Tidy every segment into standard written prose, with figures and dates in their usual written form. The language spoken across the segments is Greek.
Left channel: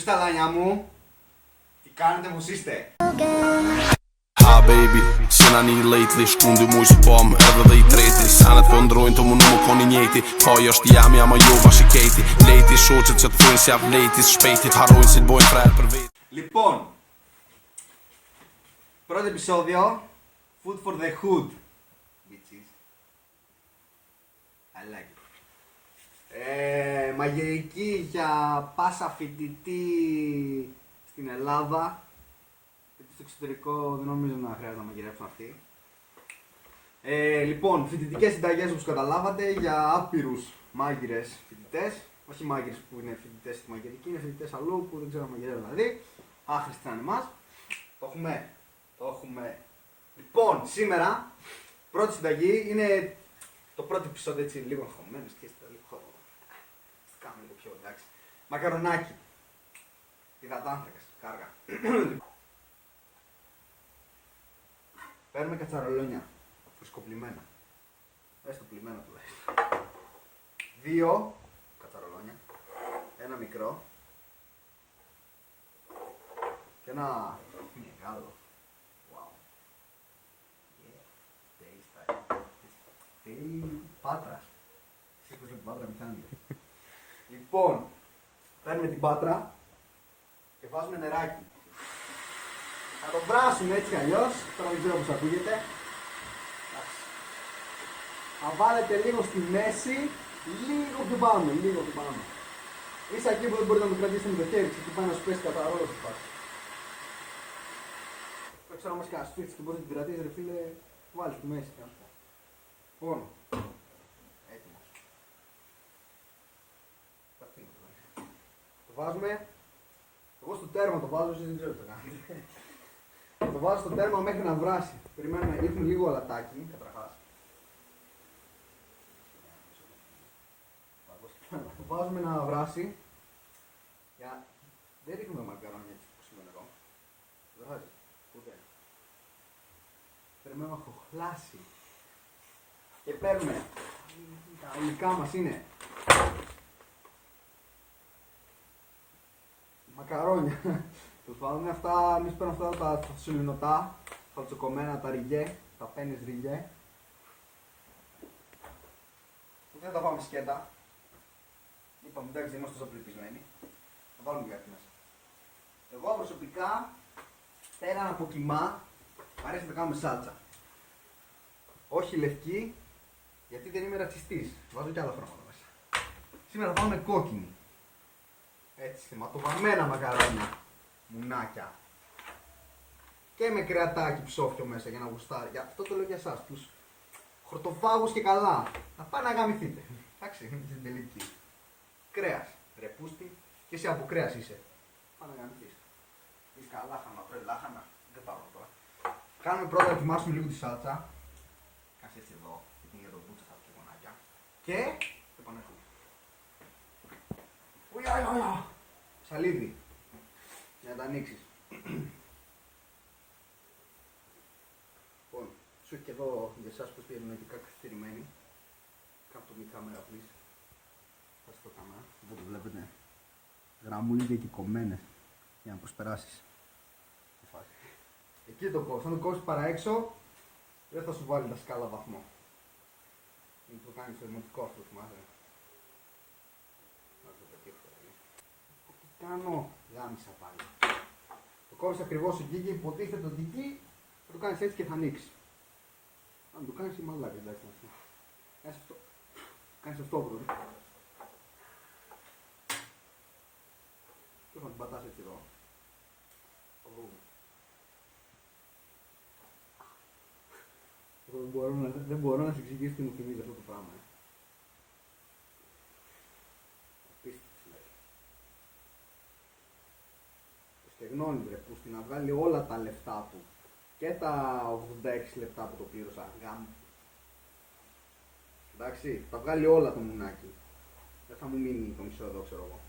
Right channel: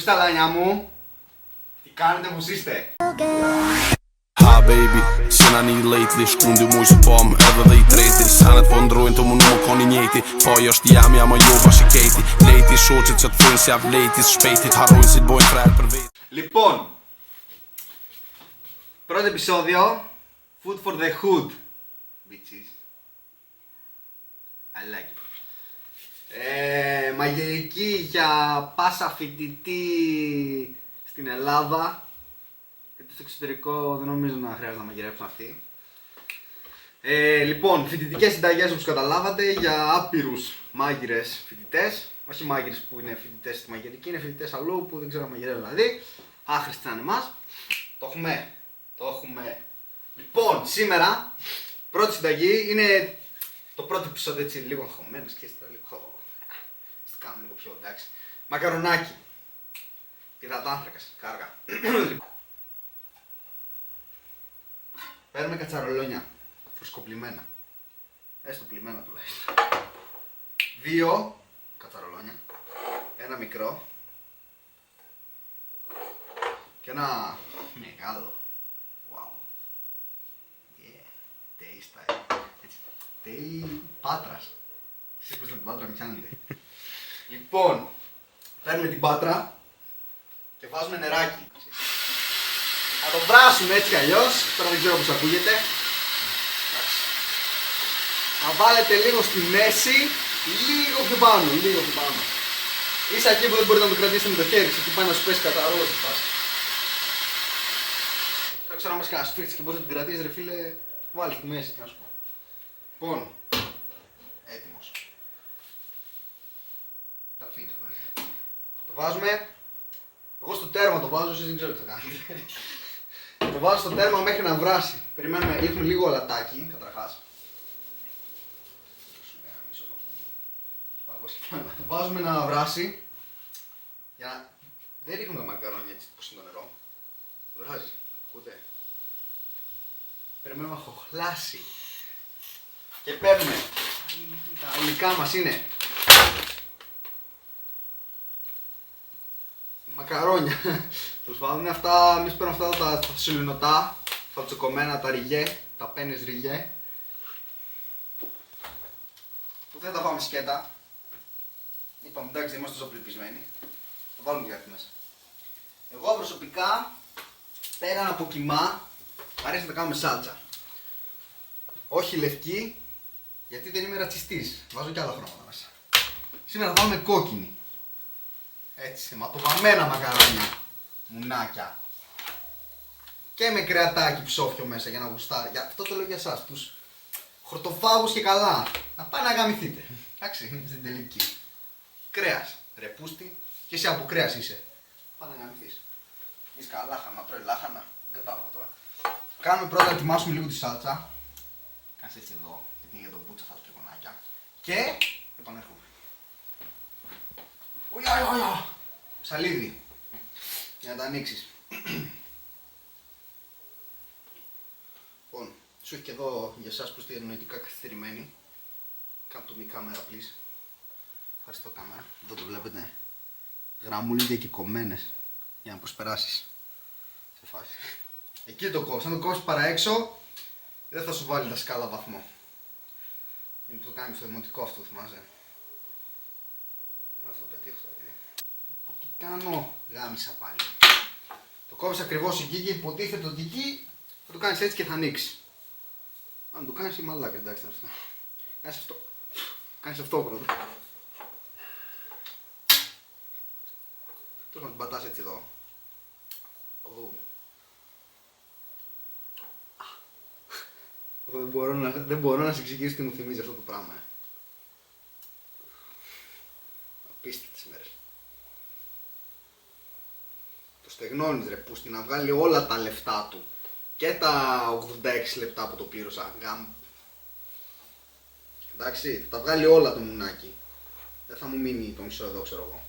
Πού στα λάνια μου, τι κάνετε, πως είστε? Hi baby, cena një lately Shkundi muj që pom edhe dhe i treti Sanet po ndrojnë të mu nuk më koni njeti Faj është jam, jam a jo bashkë i keti Lejti shoqet që të thujnë si avlejtis Shpejtit harrojnë si të bojnë frerë për vetë. Λοιπόν, πρώτο επεισόδιο Food for the hood, bitches. I like it. Μαγειρική για πάσα φοιτητή στην Ελλάδα. Γιατί στο εξωτερικό δεν νομίζω να χρειάζεται να μαγειρέψουν αυτοί. Λοιπόν, φοιτητικές συνταγές όπως καταλάβατε για άπειρους μάγειρες φοιτητές. Όχι μάγειρες που είναι φοιτητές στη μαγειρική, είναι φοιτητές αλλού που δεν ξέρουν να μαγειρεύουν δηλαδή. Άχρηστοι σαν εμάς. Το έχουμε. Λοιπόν, σήμερα πρώτη συνταγή είναι το πρώτο επεισόδιο έτσι λίγο αγχωμένος και στο λίγο. Στο κάνουμε λίγο πιο εντάξει. Μακαρονάκι. Υδατάνθρακας, κάργα. Παίρνουμε κατσαρολόνια. Φρεσκοπλημμένα. Έστω πλημμένα τουλάχιστον. 2 κατσαρολόνια. Ένα μικρό. Και ένα μεγάλο. Wow. Yeah. Taste έτσι. Πάτρας. Εσείς πες την πάτρα, μην πιάνετε. Λοιπόν, παίρνουμε την πάτρα και βάζουμε νεράκι. Να το βράσουμε έτσι κι αλλιώς. Τώρα δεν ξέρω πώς ακούγεται. Να βάλετε λίγο στη μέση, λίγο πιο πάνω, Ίσα εκεί που δεν μπορείτε να το κρατήσετε με το χέρι σας, που πάει να σου πέσει κατά ρόλο στη φάση. Δεν ξέρω αν μας κάνει σφίχτης και πώς θα την κρατήσεις ρε φίλε, βάλει στη μέση και να σου πω. Λοιπόν, έτοιμος. Τα αφήνεις μέσα. Το βάζουμε, εγώ στο τέρμα το βάζω, εσείς δεν ξέρω τι θα κάνετε. Το βάζω στο τέρμα μέχρι να βράσει. Περιμένουμε, ρίχνουμε λίγο αλατάκι, καταρχάς. Το βάζουμε να βράσει. Για να... Δεν ρίχνουμε μακαρόνια έτσι πως είναι το νερό. Βράζει, ποτέ. Περιμένουμε να χοχλάσει. Και παίρνουμε. Τα υλικά μας είναι μακαρόνια. Τους βάλουμε αυτά, εμείς παίρνουμε αυτά τα σιλινοτά, τα τσοκομμένα, τα ριγέ, τα πένες ριγέ. Που δεν τα πάμε σκέτα. Είπαμε εντάξει δεν είμαστε τόσο πρεπισμένοι. Θα βάλουμε και κάτι μέσα. Εγώ προσωπικά, πέραν από κιμά, μου αρέσει να τα κάνουμε σάλτσα. Όχι λευκή, γιατί δεν είμαι ρατσιστής. Βάζω και άλλα χρώματα μέσα. Σήμερα θα βάλουμε κόκκινη. Έτσι, ματωβαμμένα μακαρόνια. Μουνάκια. Και με κρεατάκι ψόφιο μέσα για να γουστάρει. Αυτό το λέω για εσάς, τους χορτοφάγους και καλά. Να πάει να γαμηθείτε. Εντάξει, στην τελική. Κρέας, ρεπούστη, και εσύ από κρέας είσαι. Πάμε να γαμηθείς. Είσαι καλά λάχανα, τρώει λάχανα. Κατάλαβα τώρα. Κάνουμε πρώτα να ετοιμάσουμε λίγο τη σάλτσα. Κάτσε έτσι εδώ, είναι για τον μπούτσα θα το κονάκια. Και επανέρχομαι. Ουια, ψαλίδι. Για να τα ανοίξεις. Λοιπόν, σου έχει και εδώ για εσάς που είστε διανοητικά καθυστερημένοι. Κάνε το μη κάμερα, please. Ευχαριστώ κάμερα. Εδώ το βλέπετε. Γραμμούλια και κομμένες. Για να προσπεράσεις. Σε φάση. Εκεί το κόβεις. Αν το κόβεις παρά έξω, δεν θα σου βάλει τα σκάλα βαθμό. Είναι που το κάνει στο δημοτικό αυτό, θυμάσαι. Θα το πετύχω το παιδί. Τι κάνω, γάμισα πάλι. Το κόβεις ακριβώς εκεί και υποτίθεται ότι εκεί θα το κάνεις έτσι και θα ανοίξει. Αν το κάνεις είμαι μαλάκα, εντάξει. Κάνεις αυτό. Κάνεις αυτό πρώτα. Τώρα να την πατάς έτσι εδώ. Δεν μπορώ να σε εξηγήσω τι μου θυμίζει αυτό το πράγμα. Απίστευτες μέρες. Το στεγνώνεις ρε πούστη να βγάλει όλα τα λεφτά του. Και τα 86 λεπτά που το πλήρωσα. Εντάξει, θα τα βγάλει όλα το μουνάκι. Δεν θα μου μείνει το μισό εδώ ξέρω εγώ.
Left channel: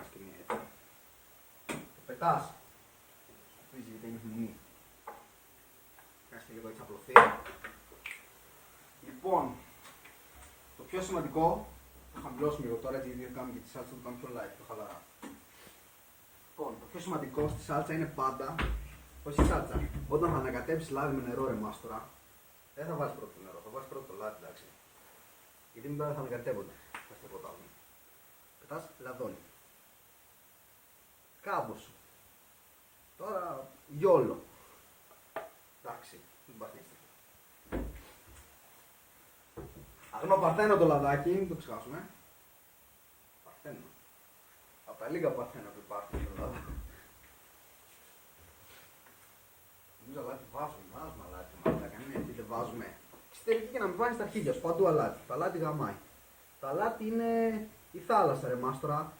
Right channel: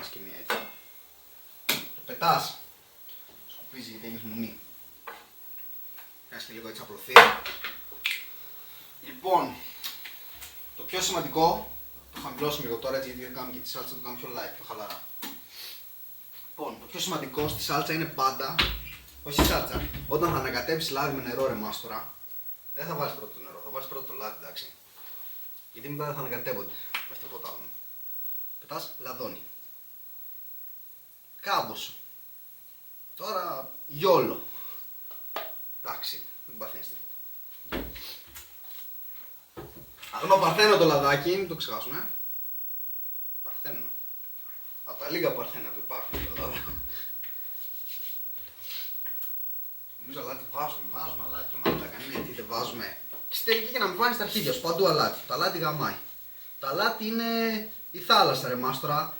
Ας και μία έτσι. Το πετάς. Σκουπίζει γιατί έχεις μουνί. Κάνεις και λίγο έτσι απλωθεί. Λοιπόν, το πιο σημαντικό, το χαμηλώσουμε λίγο τώρα έτσι γιατί δεν κάνουμε και τη σάλτσα, το κάνουμε πιο live, πιο χαλαρά. σημαντικό στη σάλτσα είναι πάντα, όχι στη σάλτσα, όταν θα ανακατεύεις λάδι με νερό, ρε μάστορα, δεν θα βάλεις πρώτο το νερό, θα βάλεις πρώτο το λάδι, εντάξει. Γιατί μετά δεν θα ανακατεύονται, όχι τίποτα άλλο. Πετάς λαδόνι. Κάμπος. Τώρα γιόλο. Εντάξει, μην παθαίνεστε. Αγνό παρθένο το λαδάκι, μην το ξεχάσουμε. Παρθένο. Από τα λίγα παρθένα που υπάρχουν στην Ελλάδα. Νομίζω αλάτι βάζουμε αλάτι, μαλάκα, γιατί δεν βάζουμε. Και στη τελική και να μην βάζεις τα αρχίδια σου, παντού αλάτι. Το αλάτι γαμάει. Το αλάτι είναι η θάλασσα, ρε μάστορα.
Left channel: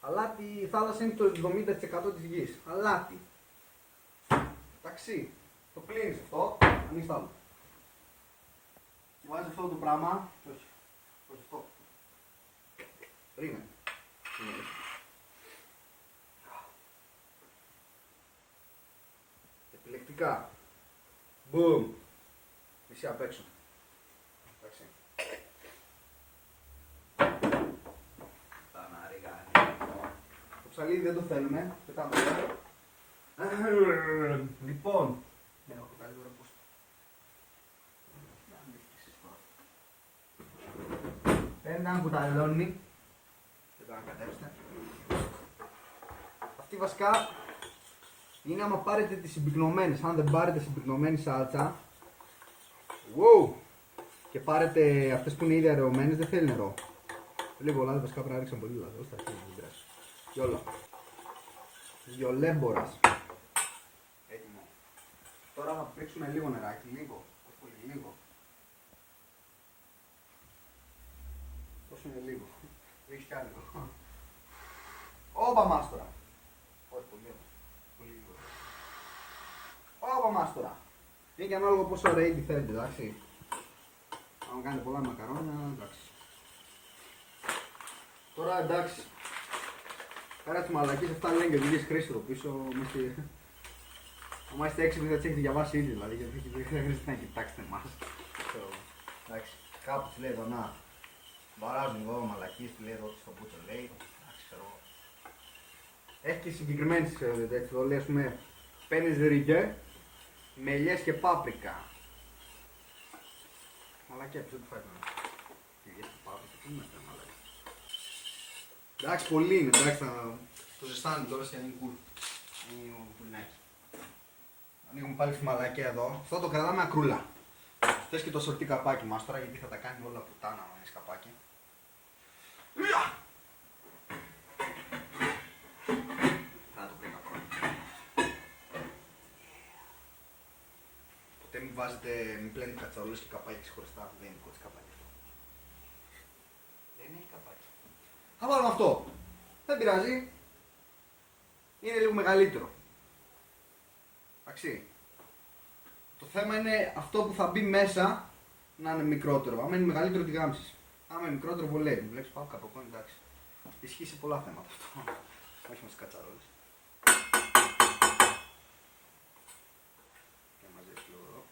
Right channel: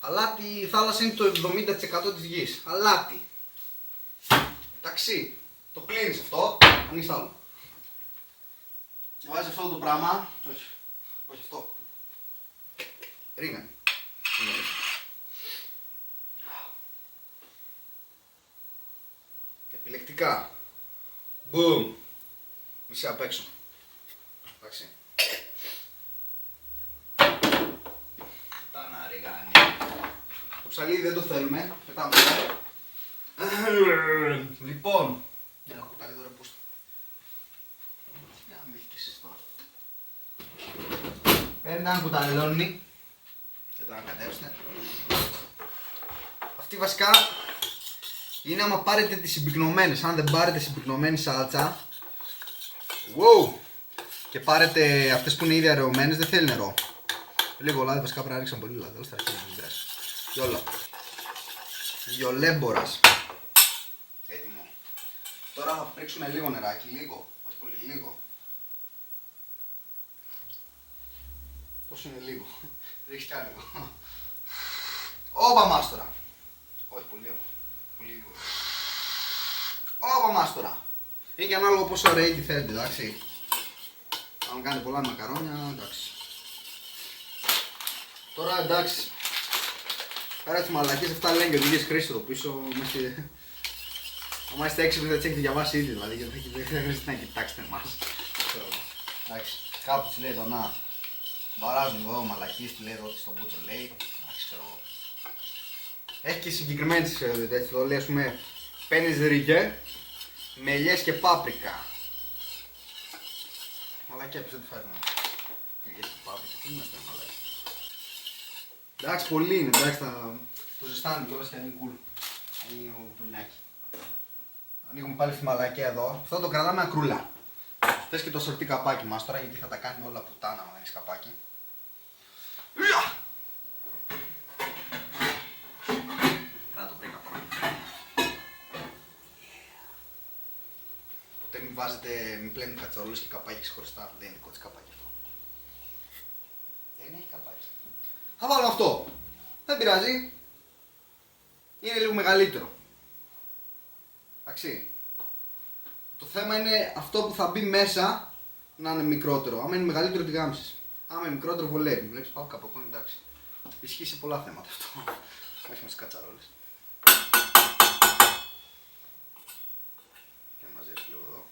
Αλάτι, η θάλασσα είναι το 70% της γης. Αλάτι. Εντάξει, το κλείνεις αυτό, ανοίγεις άλλο. Και βάζεις αυτό το πράγμα, όχι αυτό. Ρίγανε. Επιλεκτικά. Boom. Μισή απ' έξω. Εντάξει. Τα να ρίγανε. Το ψαλίδι δεν το θέλουμε, πετάμε. Λοιπόν, ένα κουτάλι τώρα πούστε. Για να μην και εσείς τώρα. Παίρνετε ένα κουταλόνι και το ανακατεύσετε. Αυτή βασικά είναι άμα πάρετε τις συμπυκνωμένες. Αν δεν πάρετε συμπυκνωμένη σάλτσα, wow, και πάρετε αυτές που είναι ήδη αραιωμένες, δεν θέλει νερό. Λίγο λάδι, βασικά πρέπει να ρίξαν πολύ λάδι. Τέλος θα αρχίσει. Γιόλα. Γιολέμπορας. Έτοιμο. Τώρα θα πρίξουμε λίγο νεράκι, λίγο, όχι πολύ, λίγο. Πόσο είναι λίγο, ρίξεις κι άλλο. Όπα μάστορα. Όχι πολύ, πολύ λίγο. Όπα μάστορα. Είναι και ανάλογο πόσο ωραίοι τι θέλετε, εντάξει. Αν κάνετε πολλά μακαρόνια, εντάξει. Τώρα εντάξει. Άρα τις μαλακίες αυτά λένε και ο Δίγες Χρήστο πίσω. Αν είστε έξυπνοι θα τις έχετε διαβάσει ήδη, δηλαδή, γιατί δεν χρειάζεται να κοιτάξετε εμάς. Εντάξει, κάπου τους λέει εδώ να βαράζουν εδώ μαλακίες, του λέει εδώ ότι στον Μπούτσο λέει. Ξέρω εγώ. Έχει και συγκεκριμένες έτσι, το λέει, ας πούμε, παίρνεις ρίγε, μελιές και πάπρικα. Μαλακία ποιος δεν τη φάει να. Μελιές και πάπρικα, τι είμαστε μαλακία. Εντάξει, πολύ είναι, εντάξει, το ζεστάνει τώρα και ανοίγει κουλ. Ανοίγει ο πουλινάκι. Ανοίγουμε πάλι στη μαλακία εδώ. Αυτό το κρατάμε ακρούλα. Θες και το σορτί καπάκι μας τώρα, γιατί θα τα κάνει όλα πουτάνα με έχεις καπάκι. Να το πριν καπάκι. Ποτέ μην βάζετε, μην πλένετε κατσαρόλες και καπάκι χωριστά. Δεν είναι δικό της καπάκι αυτό. Δεν έχει καπάκι. Θα βάλουμε αυτό. Δεν πειράζει. Είναι λίγο μεγαλύτερο. Εντάξει. Το θέμα είναι αυτό που θα μπει μέσα να είναι μικρότερο. Άμα είναι μεγαλύτερο τη γάμισες. Άμα είναι μικρότερο βολεύει. Βλέπεις πάω κάπου από εντάξει. Ισχύει σε πολλά θέματα αυτό. Όχι με τις κατσαρόλες. Να μαζέψω λίγο εδώ.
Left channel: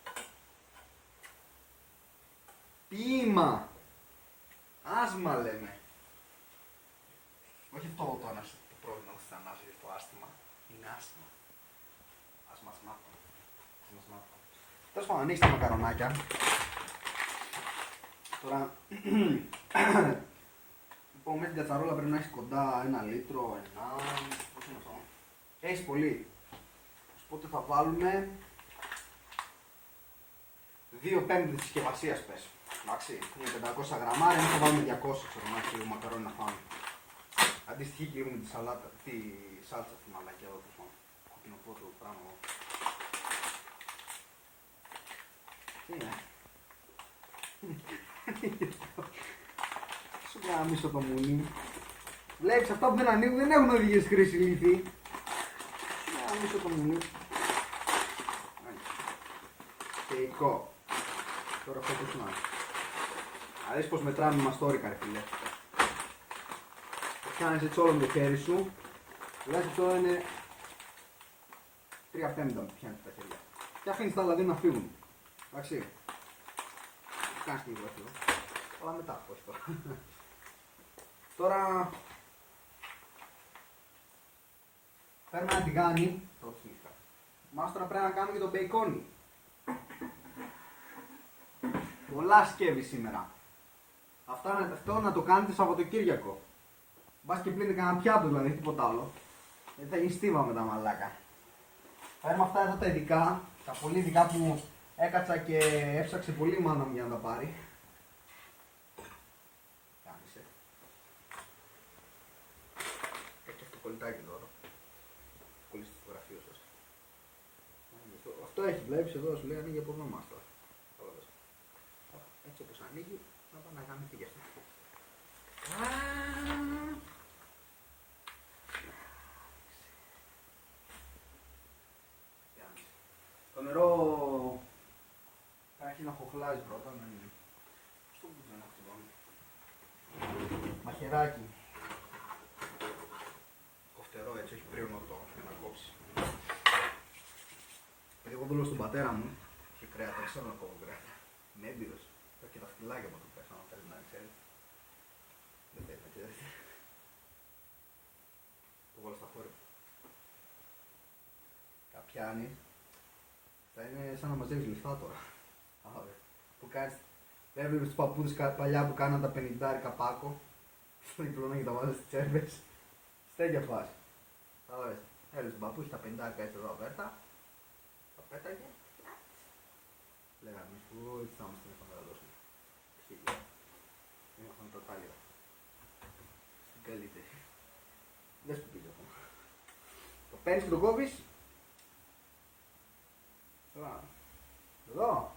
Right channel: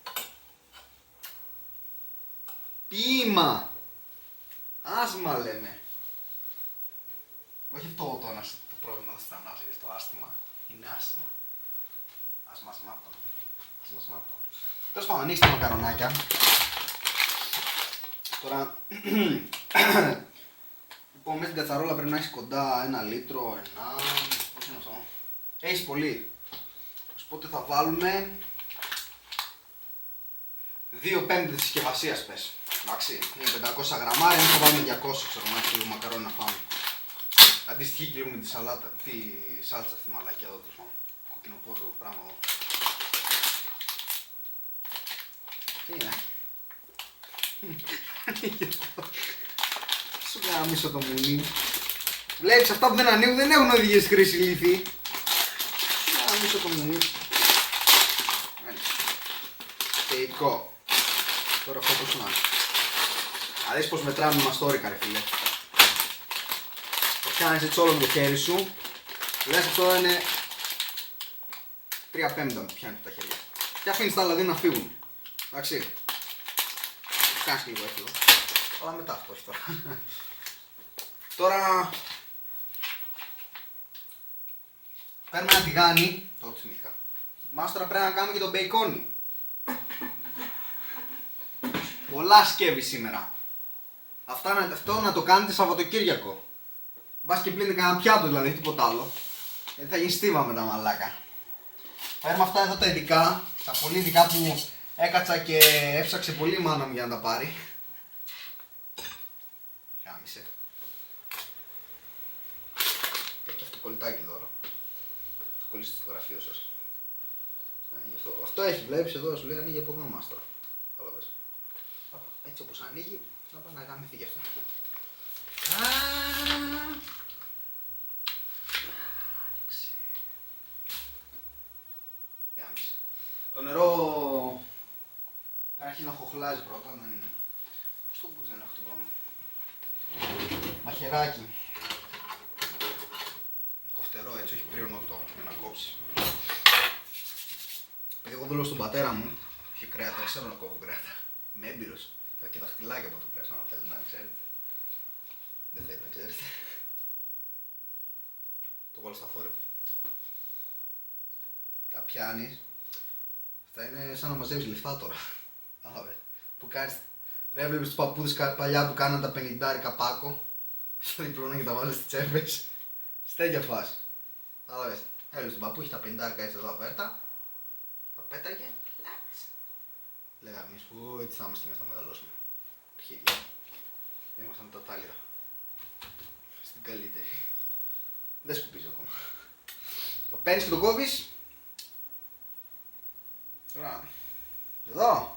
Ποίημα. Άσμα λέμε. Όχι αυτό το πρόβλημα στα ανάσχεση, στο άστημα. Είναι άσμα. Άσμα σμάτων. Τέλος πάντων, ανοίξτε τα μακαρονάκια. Τώρα, λοιπόν, με την κατσαρόλα πρέπει να έχεις κοντά 1 λίτρο, 1... Πώς είναι αυτό? Έχεις πολύ. Οπότε θα βάλουμε 2 πέμπτες της συσκευασίας πες. Εντάξει, είναι 500 γραμμάρια, εμείς θα βάλουμε 200 ξέρω να έχει μακαρόνι να φάμε. Αντιστοιχεί και με τη σαλάτα, τη σάλτσα στη μαλακιά εδώ πίσω. Κοκκινοπόρτο πράγμα εδώ. Τι είναι? Σου γάμισω το μουνί. Βλέπεις αυτά που δεν ανοίγουν δεν έχουν οδηγίες χρήση λύθη. Σου γάμισω το μουνί. Θεϊκό. Τώρα αυτό πώς να. Αρέσει πως μετράμε μαστόρικα ρε φίλε. Κάνεις έτσι όλο το χέρι σου. Λες αυτό είναι 3 πέμπτα που πιάνει τα χέρια. Και αφήνεις τα άλλα δύο να φύγουν. Εντάξει. Κάνεις και λίγο αυτό. Αλλά μετά αυτό όχι τώρα. Τώρα Παίρνουμε ένα τηγάνι. Το θυμήθηκα. Μάστορα πρέπει να κάνουμε και τον μπέικόνι. Πολλά σκεύη σήμερα. Αυτό να το κάνετε Σαββατοκύριακο. Μπας και πλύνετε κανένα πιάτο δηλαδή, τίποτα άλλο. Γιατί θα γίνει στίβα με τα μαλάκα. Παίρνουμε αυτά εδώ τα ειδικά. Τα πολύ ειδικά που έκατσα και έψαξε πολύ η μάνα μου για να τα πάρει. Γάμισε. Έχει αυτό το κολλητάκι εδώ. Το κολλήσετε στο γραφείο σας. Αυτό έχει, βλέπεις εδώ, σου λέει ανοίγει από εδώ μας τώρα. Καταλαβες. Έτσι όπως ανοίγει, θα πάει να γαμηθεί γι' αυτό. Το νερό αρχίζει να χοχλάζει πρώτα, να είναι. Πώς το πούς δεν έχω το μόνο. Μαχαιράκι. Κοφτερό έτσι, όχι πριονοτό για να κόψει. Εγώ δουλεύω στον πατέρα μου, είχε κρέατα, δεν ξέρω να κόβω κρέατα. Είμαι έμπειρος. Έχω και δαχτυλάκια από το κρέας, αν θέλετε να ξέρετε. Δεν θέλετε να ξέρετε. Το βάλω στα φόρευα. Τα πιάνεις. Θα είναι σαν να μαζεύεις λεφτά τώρα. Που κάνεις. Δεν έβλεπες τους παππούδες παλιά που κάναν τα 50 πάκο. Στο διπλώνα και τα βάζεις στις τσέπες. Στέκια φάση. Κατάλαβες. Έβλεπες τον παππού, είχε τα 50 έτσι εδώ απέρτα. Τα πέταγε. Λέγαμε εμείς που έτσι θα είμαστε στο μεγαλώσουμε. Αρχίδια. Ήμασταν τα τάλιδα. Στην καλύτερη. Δεν σκουπίζει ακόμα. Το παίρνεις και το κόβεις. Εδώ.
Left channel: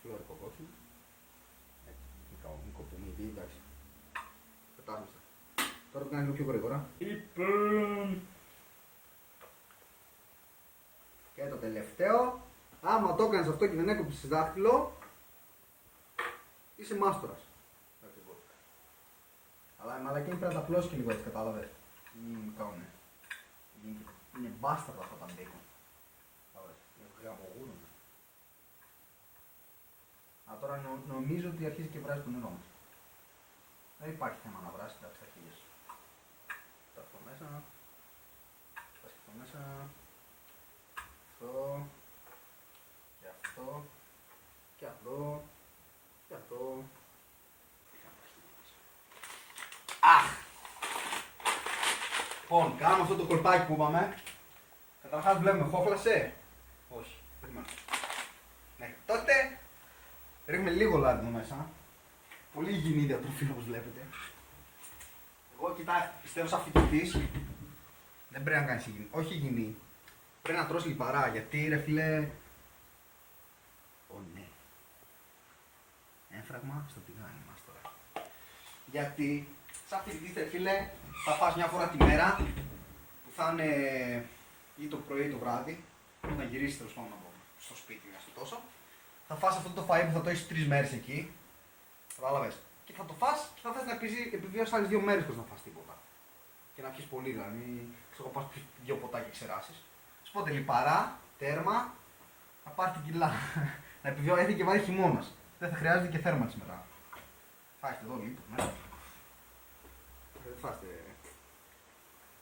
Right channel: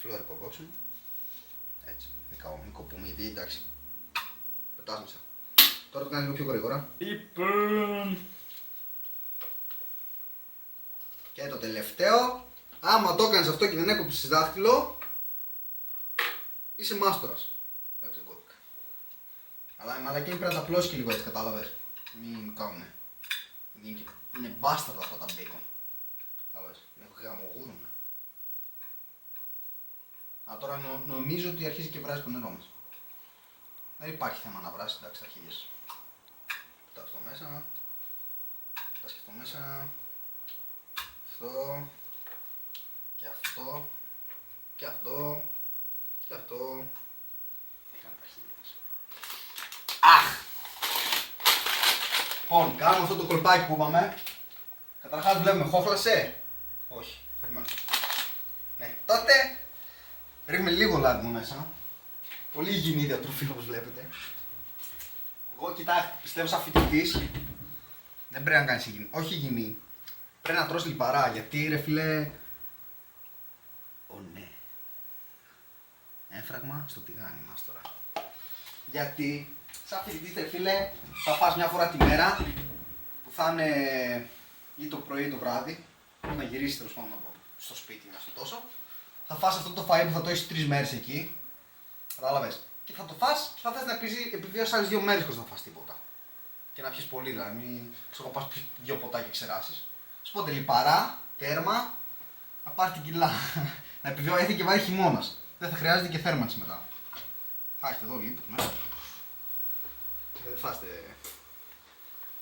Φλόρικο κόψουμε. Έτσι. Μην κοπούμε γιατί εντάξει. Πετάς μέσα. Τώρα το κάνεις λίγο πιο γρήγορα. Και το τελευταίο. Άμα το έκανες αυτό και δεν έκοψες δάχτυλο, είσαι μάστορας. Εντάξει, κόπηκα. Αλλά η μαλακή πρέπει να τα πλώσει και λίγο έτσι, κατάλαβες. Μην κάνουμε. Είναι μπάσταρτα αυτά τα μπέικον. Κατάλαβες. Είναι γαμογούνα. Τώρα νομίζω ότι αρχίζει και βράζει το νερό μας. Δεν υπάρχει θέμα να βράσει, εντάξει, αρχίζεις. Τα στο μέσα. Τα σκεφτώ μέσα. Αυτό. Και αυτό. Και αυτό. Και αυτό. Αχ! Λοιπόν, κάνουμε αυτό το κολπάκι που είπαμε. Καταρχάς βλέπουμε, χόχλασε. Όχι, περιμένω. Ναι, τότε ρίχνουμε λίγο λάδι μέσα. Πολύ υγιεινή διατροφή όπως βλέπετε. Εγώ κοιτάξτε, πιστεύω σαν φοιτητής δεν πρέπει να κάνεις υγιεινή. Όχι υγιεινή. Πρέπει να τρως λιπαρά γιατί ρε φίλε. Ναι. Έφραγμα στο τηγάνι μας τώρα. Γιατί σαν φοιτητής ρε φίλε θα φας μια φορά τη μέρα που θα είναι ή το πρωί ή το βράδυ. Να γυρίσεις τέλος πάντων στο σπίτι να σου τόσο. Θα φας αυτό το φαΐ που θα το έχεις 3 μέρες εκεί. Κατάλαβες. Και θα το φας και θα θες να κρίσει επιβίωση άλλες 2 μέρες χωρίς να φας τίποτα. Και να πιεις πολύ δηλαδή. Μην ξέρω πας 2 ποτά και ξεράσεις. Σπότε λιπαρά, τέρμα, να πάρει την κιλά. Να επιβιώσει και βάρει χειμώνας. Δεν θα χρειάζεται και θέρμανση μετά. Θα έχετε εδώ λίπος μέσα. Δεν θα είστε.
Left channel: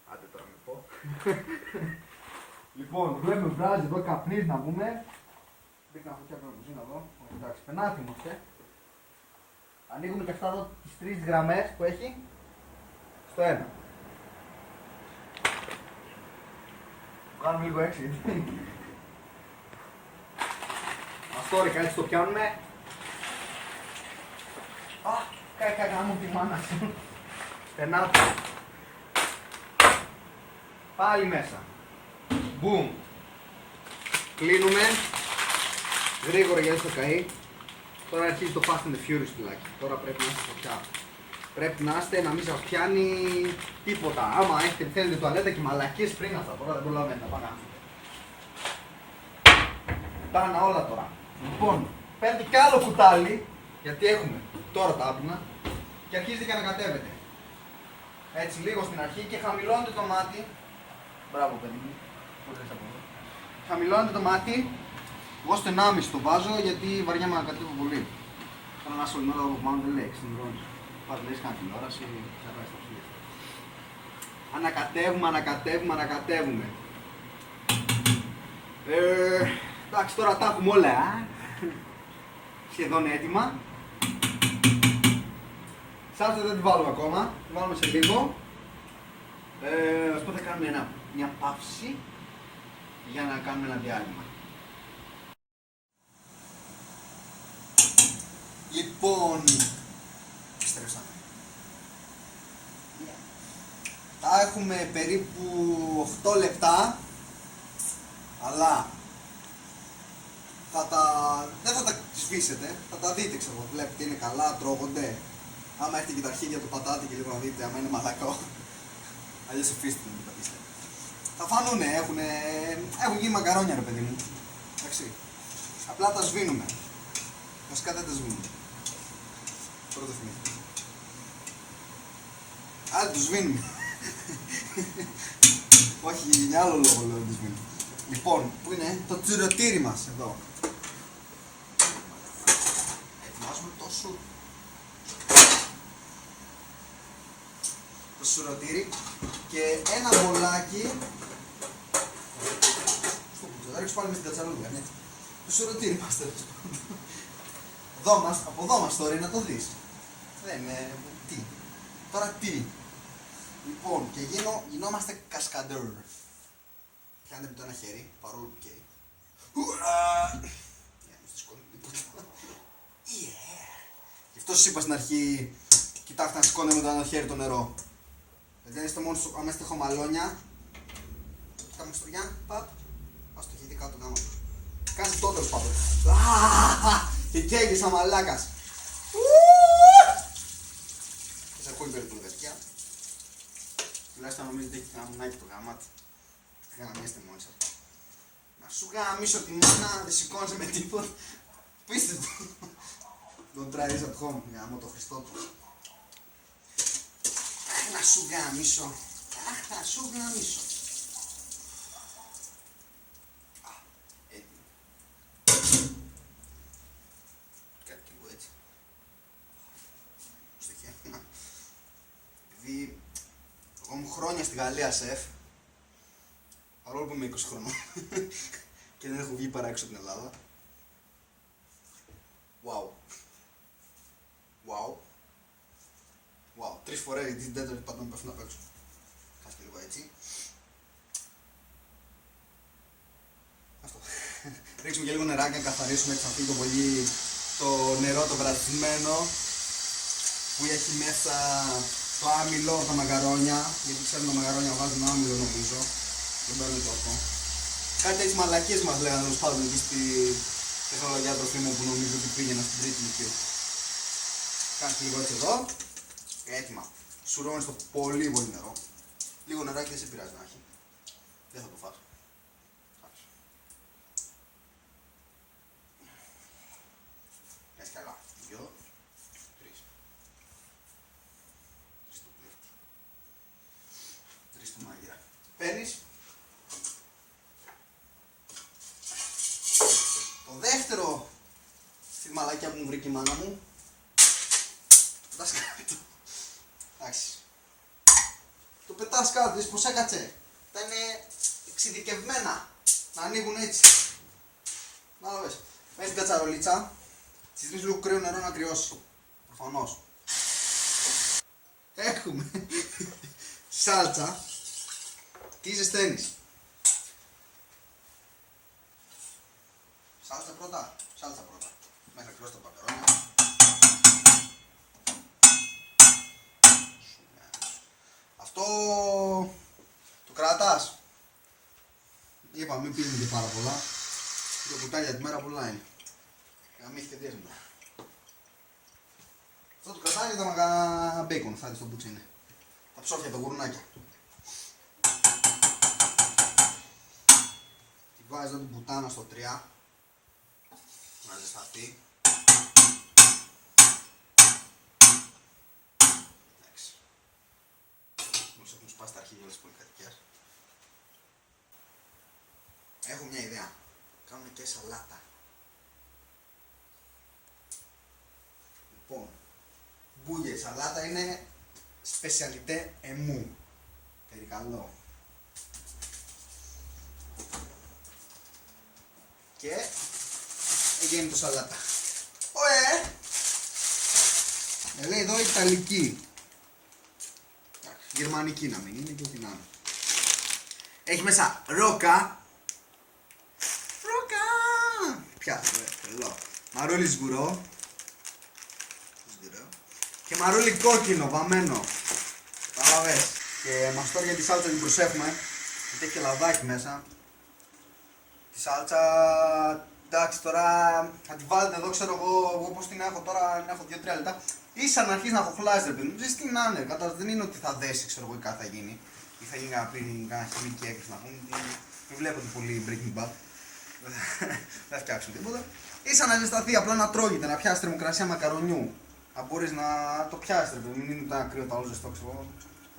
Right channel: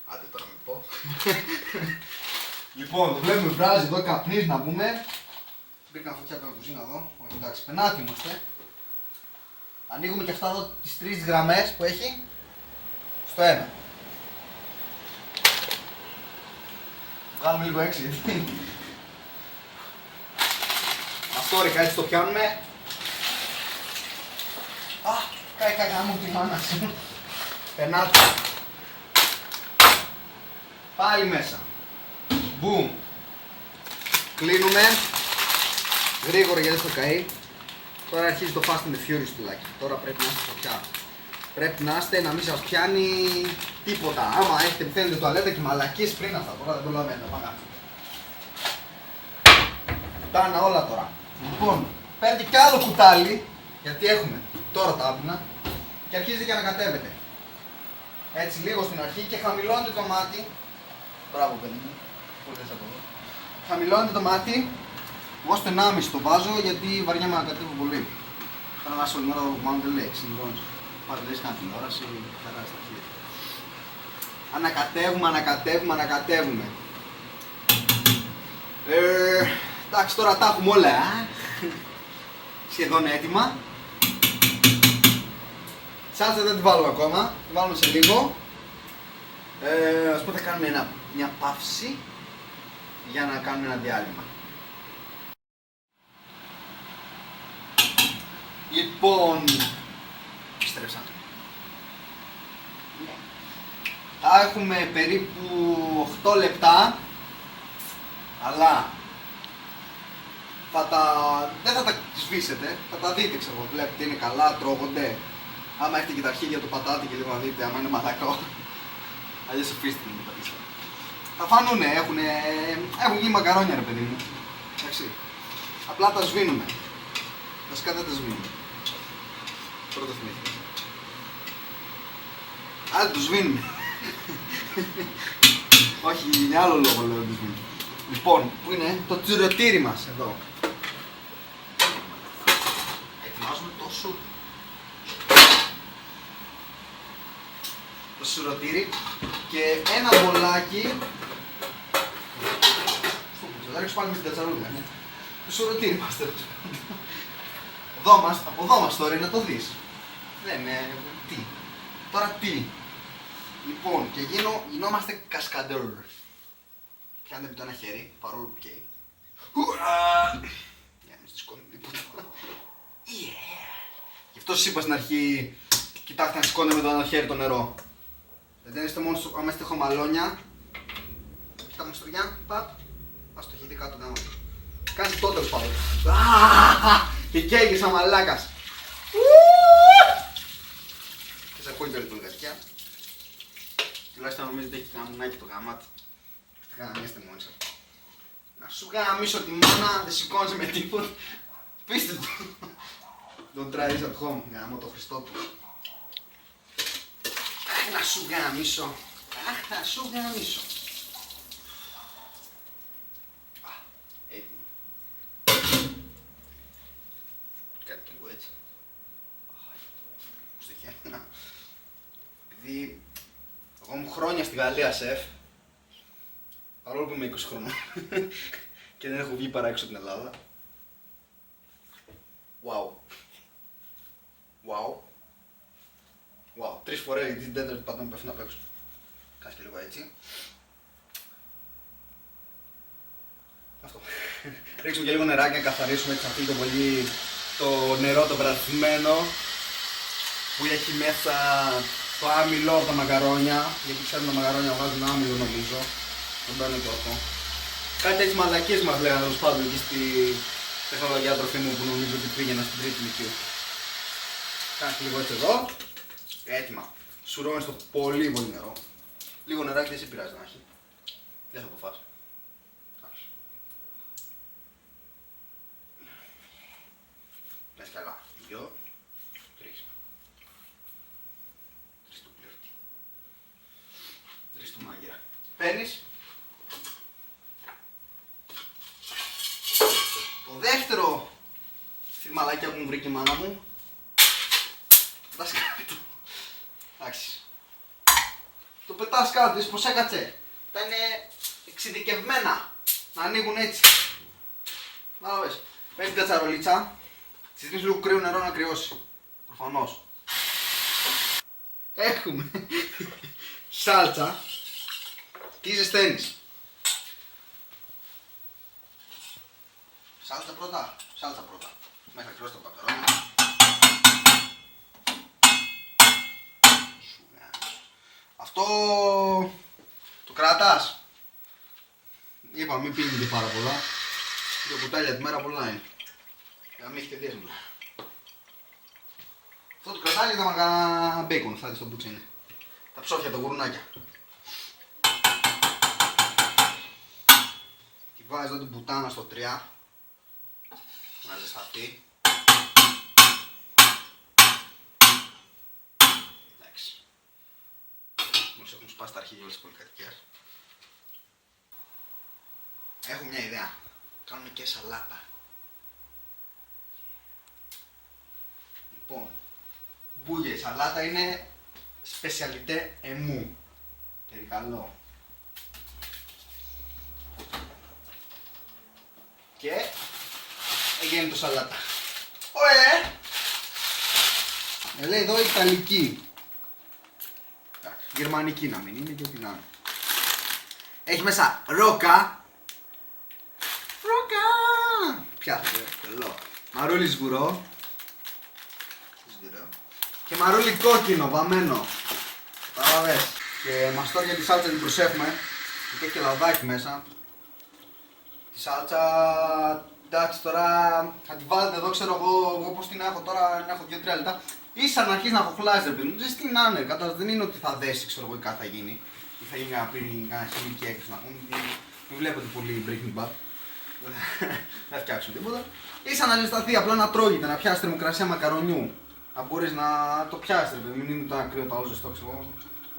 Άντε τώρα μην πω. Λοιπόν, το βλέπουμε βράζει εδώ, καπνίζει να πούμε. Μπήκα φωτιά από την κουζίνα εδώ. Όχι εντάξει, πενάτι είμαστε. Ανοίγουμε και αυτά εδώ τις 3 γραμμές που έχει στο ένα. Βγάλουμε λίγο έξω γιατί. Αυτό ρε κάτι το πιάνουμε. Α, κάει γάμο τη μάνα σου. Πενάτι. Πάλι μέσα. Μπουμ. Κλείνουμε. Γρήγορα γιατί δεν θα καεί. Τώρα αρχίζει το Fast and the Furious τουλάκι. Τώρα πρέπει να είστε φωτιά. Πρέπει να είστε να μην σας πιάνει τίποτα. Άμα έχετε θέλετε τουαλέτα και μαλακίες πριν αυτά. Τώρα δεν προλαβαίνετε να πάμε. Φτάνε όλα τώρα. Λοιπόν, παίρνετε κι άλλο κουτάλι. Γιατί έχουμε τώρα τα άπλυνα. Και αρχίζετε και ανακατεύετε. Έτσι λίγο στην αρχή και χαμηλώνετε το μάτι. Μπράβο παιδί. Χαμηλώνετε το μάτι. Εγώ στο 1,5 το βάζω γιατί βαριέμαι να κατέβω πολύ. Θέλω να όλη την ώρα μόνο το λέξη. Λοιπόν, πάρε λες κανένα τηλεόραση, χαρά στα χέρια. Ανακατεύουμε. Εντάξει, τώρα τα έχουμε όλα, σχεδόν έτοιμα. Σάλτσα δεν την βάλουμε ακόμα, την βάλουμε σε λίγο. Ας πούμε θα κάνουμε μια παύση για να κάνουμε ένα διάλειμμα. Λοιπόν, επιστρέψα. Θα έχουμε περίπου 8 λεπτά, αλλά δεν θα τα σβήσετε, θα τα δείτε, ξέρω, βλέπετε είναι καλά, τρώγονται. Άμα έχετε και τα αρχίδια του πατάτι και λίγο να δείτε, άμα είναι μαλακό. Αλλιώς αφήστε μου, παιδιά. Θα φανούνε, έχουν γίνει μακαρόνια, ρε παιδί μου. Εντάξει. Απλά τα σβήνουμε. Βασικά δεν τα σβήνουμε. Πρώτο θυμήθηκα. Άρα το σβήνουμε. Όχι, για άλλο λόγο λέω το σβήνουμε. Λοιπόν, πού είναι το τσιροτήρι μας, εδώ. Ετοιμάζουμε το σουρωτήρι και ένα μπολάκι. Θα ρίξω πάλι με στην κατσαρόλα. Το σουρωτήρι μας τέλος. Από εδώ μας τώρα είναι το δεις. Δεν είναι. Τι. Τώρα τι. Λοιπόν, και γινόμαστε κασκαντέρ. Πιάνετε με το ένα χέρι, παρόλο που καίει. Γι' αυτό σας είπα στην αρχή, κοιτάξτε να σηκώνετε με το ένα χέρι το νερό. Δεν είστε μόνο άμα είστε χωμαλόνια. Κοιτάμε στρογιά, παπ. Ας το χέρι κάτω κάτω. Κάνεις αυτό τέλος πάντων. Και καίγει σαν μαλάκας. Δεν ακούει και όλη την καρδιά. Τουλάχιστον νομίζετε έχει γαμουνάκι το γαμάτι. Γαμίστε μόνοι σας. Να σου γαμίσω τη μάνα, δεν σηκώνεσαι με τίποτα. Πείστε το. Don't try this at home. Γαμώ το Χριστό του. Αχ, να σου γαμίσω. Αχ, να σου γαμίσω. Έτοιμο. Κάτι και εγώ έτσι. Στο χέρι. Επειδή εγώ μου χρόνια στη Γαλλία σεφ, παρόλο που είμαι 20 χρονών και δεν έχω βγει παρά έξω από την Ελλάδα. Wow. 3 φορές γιατί την τέταρτη πάντα με πέφτει απ' έξω. Κάτσε και λίγο έτσι. Αυτό. Ρίξουμε και λίγο νεράκι να καθαρίσουμε έτσι, να φύγει το πολύ το νερό το βραθυμένο που έχει μέσα το άμυλο από τα μακαρόνια. Γιατί ξέρετε τα μακαρόνια βγάζουν άμυλο νομίζω. Εδώ είναι το αυτό. Κάτι έτσι μαλακίες μας λέγανε τέλος πάντων εκεί στη τεχνολογία τροφίμων που νομίζω ότι πήγαινα στην τρίτη ηλικία. Κάτσε λίγο έτσι εδώ. Έτοιμα. Σουρώνεις το πολύ πολύ νερό. Λίγο νεράκι δεν σε πειράζει να έχει. Δεν θα το φας. Λες καλά. 2, 3. 3 του πλεύτη. 3 του μάγειρα. Παίρνεις. Το δεύτερο στη μαλακιά που μου βρήκε η μάνα μου. Πετάς κάτω. Εντάξει. Το πετάς κάτω, δεις πως έκατσε. Τα είναι εξειδικευμένα να ανοίγουν έτσι. Να το πες. Πες την κατσαρολίτσα. Της ρίχνεις λίγο κρύο νερό να κρυώσει. Προφανώς. Έχουμε σάλτσα. Τι ζεσταίνεις. Σάλτσα πρώτα. Μέχρι να κρυώσει το μακαρόνι. Αυτό το κρατάς. Είπα μην πίνει και πάρα πολλά. Το κουτάλι για τη μέρα πολλά είναι. Για να μην έχετε δέσμα. Αυτό το κρατάει θα μαγα μπέικον, θα δεις το μπούτσι είναι. Τα ψόφια, τα γουρνάκια. Τη βάζεις εδώ την πουτάνα στο 3. Να ζεσταθεί. Εντάξει. Μόλις έχουν σπάσει τα αρχίδια όλες τις πολυκατοικίες. Έχω μια ιδέα. Κάνουμε και σαλάτα. σαλάτα είναι σπεσιαλιτέ εμού. Περικαλώ. Και έγινε το σαλάτα. Ωε! Λέει εδώ Ιταλική. Γερμανική να μην είναι και ό,τι να είναι. Έχει μέσα ρόκα. Ρόκα! Πιάστε, τρελό. Μαρούλι σγουρό. Και μαρούλι κόκκινο, βαμμένο. Παραβες. Και μας τώρα για τη σάλτσα την προσέχουμε. Γιατί έχει λαδάκι μέσα. Τη σάλτσα, εντάξει τώρα θα τη βάλετε εδώ, ξέρω εγώ πώς την έχω τώρα, την έχω 2-3 λεπτά. Ίσα να αρχίσει να χοχλάζει ρε παιδί μου, ζεις τι να είναι, δεν είναι ότι θα δέσει ξέρω εγώ ή κάτι θα γίνει. Ή θα γίνει ένα χημική έκρηση να πούμε, μην βλέπετε πολύ Breaking Bad. Δεν φτιάξουμε τίποτα. Ίσα να ζεσταθεί, απλά να τρώγεται, να πιάσει θερμοκρασία μακαρονιού. Να μπορείς να το πιάσεις, μην είναι το ακραίο το άλλο ζεστό, ξέρω.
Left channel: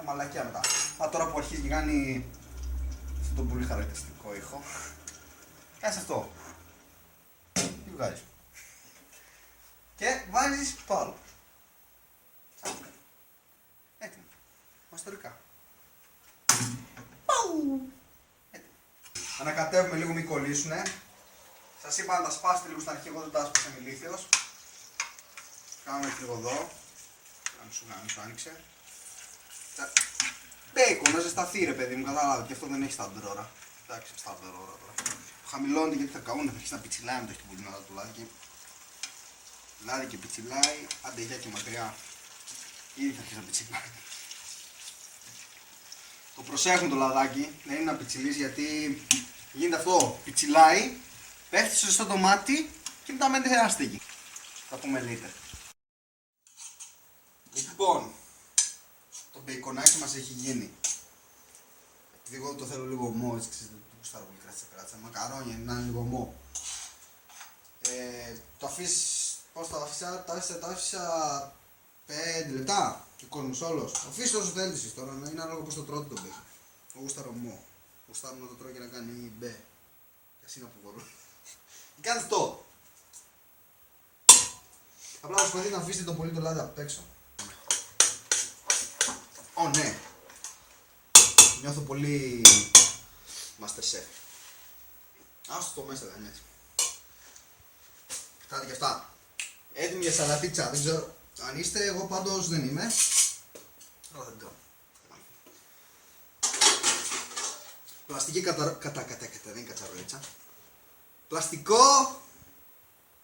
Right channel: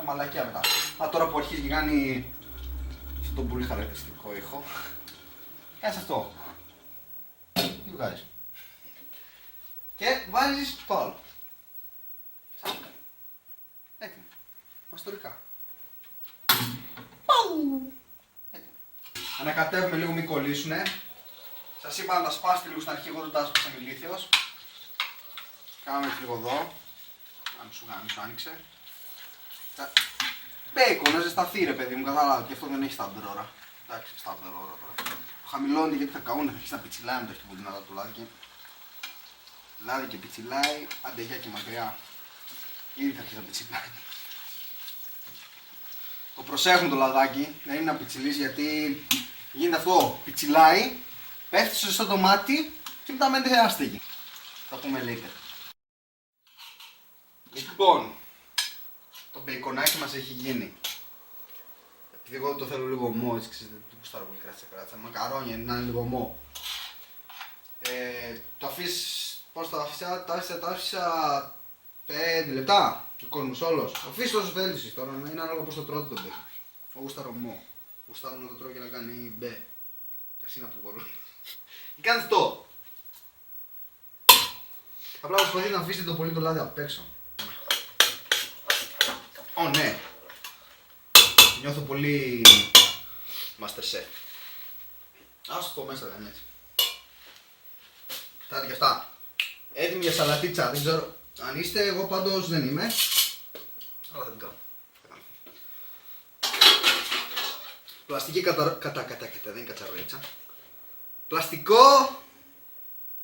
Μαλακιά μετά. Α, τώρα που αρχίζει και κάνει αυτό το πολύ χαρακτηριστικό ήχο. Κάνε αυτό. Τι βγάζεις. Και βάζεις το άλλο. Σάκα. Έτοιμο. Μαστορικά. Έτοιμο. Ανακατεύουμε λίγο, μην κολλήσουνε. Σας είπα να τα σπάσετε λίγο στην αρχή, εγώ δεν τα άσπασα ηλίθιος. Κάνουμε λίγο εδώ. Αν σου άνοιξε. Μπέικον, να ζεσταθεί ρε παιδί μου, κατάλαβα και αυτό δεν έχει σταμπτερ ώρα. Εντάξει, σταμπτερ ώρα τώρα. Χαμηλώνει γιατί θα καούν, θα αρχίσει να πιτσιλάει με το δυνατά του λάδι. Λάδι και πιτσιλάει, άντε γεια και μακριά. Ήδη θα αρχίσει να πιτσιλάει. Το προσέχουμε το λαδάκι, δεν είναι να πιτσιλείς γιατί γίνεται αυτό, πιτσιλάει, πέφτει στο σωστό το μάτι και μετά μένει άστεγη. Θα πούμε later. Λοιπόν, το μπεϊκονάκι μας έχει γίνει. Γιατί εγώ το θέλω λίγο μό, έτσι ξέρετε, το κουστάρω πολύ κράτσα. Μακαρόνια να είναι λίγο μό. Το αφήσεις, πώς το άφησα, το άφησα 5 λεπτά. Ο κόσμος όλος. Αφήσεις όσο θέλεις τώρα, είναι ανάλογα πώς το τρώτε το μπέικον. Εγώ γουστάρω μό. Γουστάρω να το τρώω και να κάνει μπε. Και ας είναι που μπορώ. Και κάντε αυτό. Απλά προσπαθείτε να αφήσετε το πολύ το λάδι απ' έξω. Ω, ναι. Νιώθω πολύ Masterchef. Άσου το μέσα, δεν είναι έτσι. Κοιτάτε και αυτά. Έτοιμη για σαλατίτσα, δεν ξέρω αν είστε, εγώ πάντως δεν είμαι. Αλλά δεν κάνω. Πλαστική δεν είναι κατσαρολίτσα. Πλαστικό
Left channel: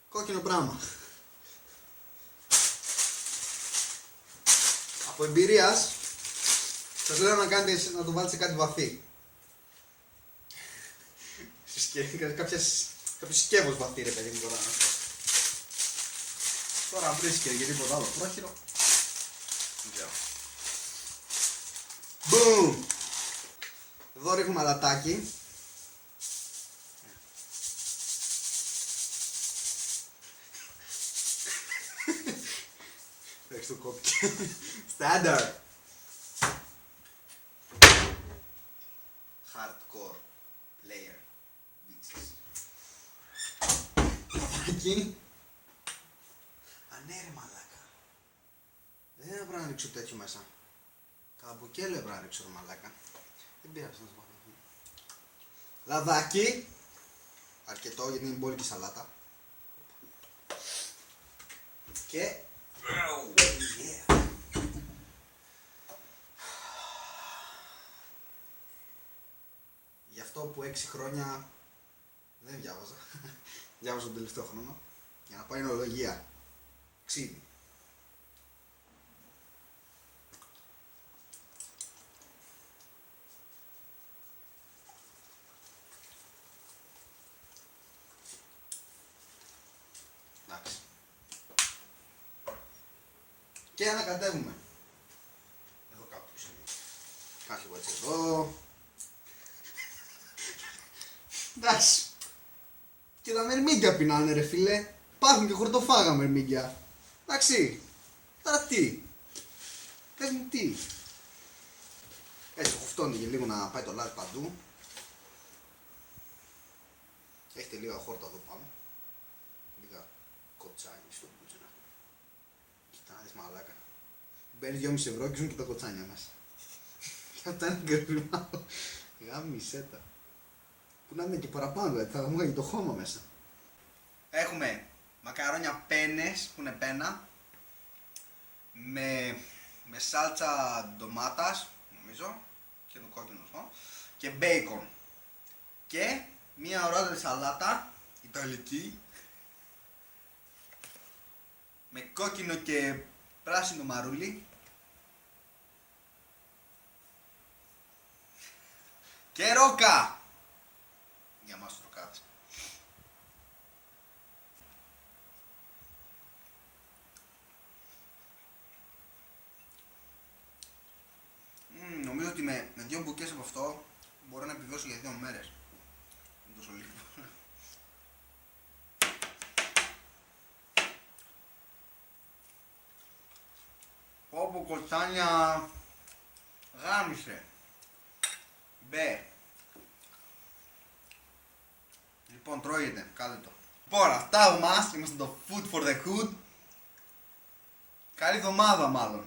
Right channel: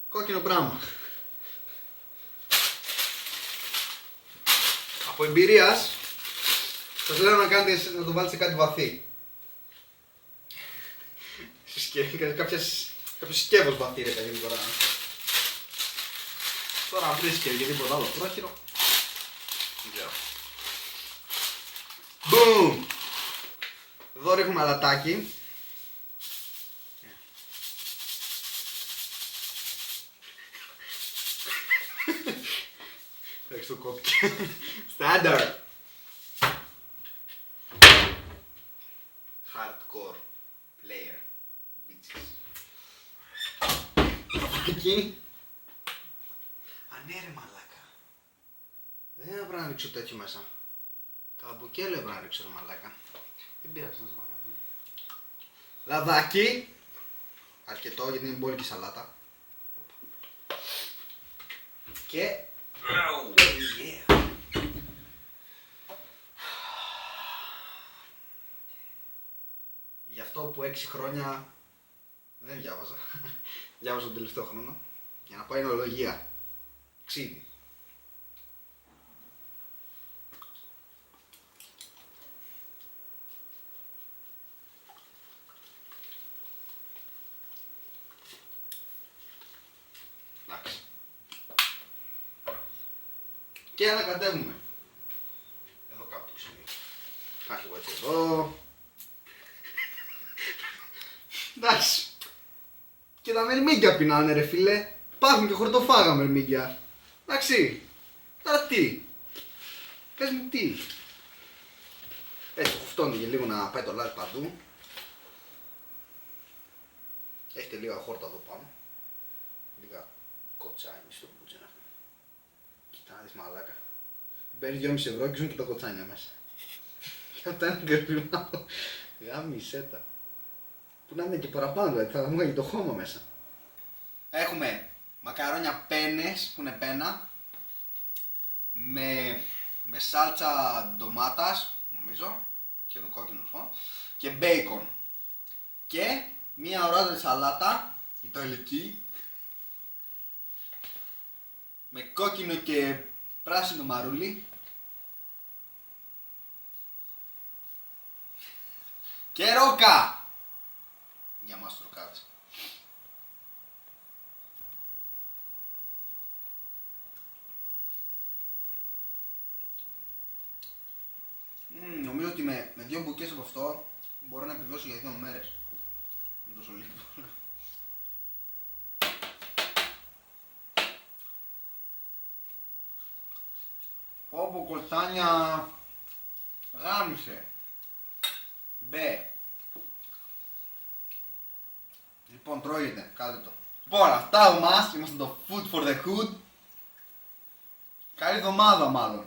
κόκκινο πράγμα. Από εμπειρίας σας λέω να κάνετε, να το βάλετε σε κάτι βαθύ. Κάποιο σκεύος βαθύ ρε παιδί τώρα. Τώρα απλή και τίποτα άλλο πρόχειρο. Μπούμ! Εδώ ρίχνουμε αλατάκι. Εντάξει το κόπηκε. Standard. Hardcore player. Bitches. Εκεί. Ανέρε μαλάκα. Δεν έπρεπε να ρίξω τέτοιο μέσα. Καμπουκέλο έπρεπε να ρίξω μαλάκα. Δεν πειράζει να το βάλω. Λαδάκι. Αρκετό γιατί είναι μπόλικη σαλάτα. Και yeah. Γι' αυτό που 6 χρόνια δεν διάβαζα. Διάβαζα τον τελευταίο χρόνο για να πάω ενολογία. Ξύδι. Και ανακατεύουμε. Εδώ κάπου το σημείο. Κάτι εγώ έτσι εδώ. Εντάξει. Και τα μερμήγκια πεινάνε ρε φίλε. Υπάρχουν και χορτοφάγα μερμήγκια. Εντάξει. Τώρα τι. Πες μου τι. Έτσι κουφτώνει και λίγο να πάει το λάδι παντού. Έχετε λίγα χόρτα εδώ πάνω. Λίγα κοτσάνι στο κούτσο να έχουμε. Κοίτα να δεις μαλάκα. παίρνεις 2,5 ευρώ και ζουν και τα κοτσάνια μέσα. Και από το ένα γκρινάω. Γάμισε τα. Που να είναι και παραπάνω, δηλαδή θα δούμε και το χώμα μέσα. Έχουμε μακαρόνια πένες που είναι πένα. Με σάλτσα ντομάτας, νομίζω. Και το κόκκινο και μπέικον. Και μία ωραία σαλάτα ιταλική με κόκκινο και πράσινο μαρούλι και ρόκα για μας τους ροκάδες. Νομίζω ότι με 2 μπουκές από αυτό μπορώ να επιβιώσω για 2 μέρες. Τόσο λίγο. Όπου κοτσάνια γάμισε. Μπε. Λοιπόν, τρώγεται, κάντε το. Λοιπόν, αυτά από μας, είμαστε το Food for the Hood. Καλή εβδομάδα μάλλον.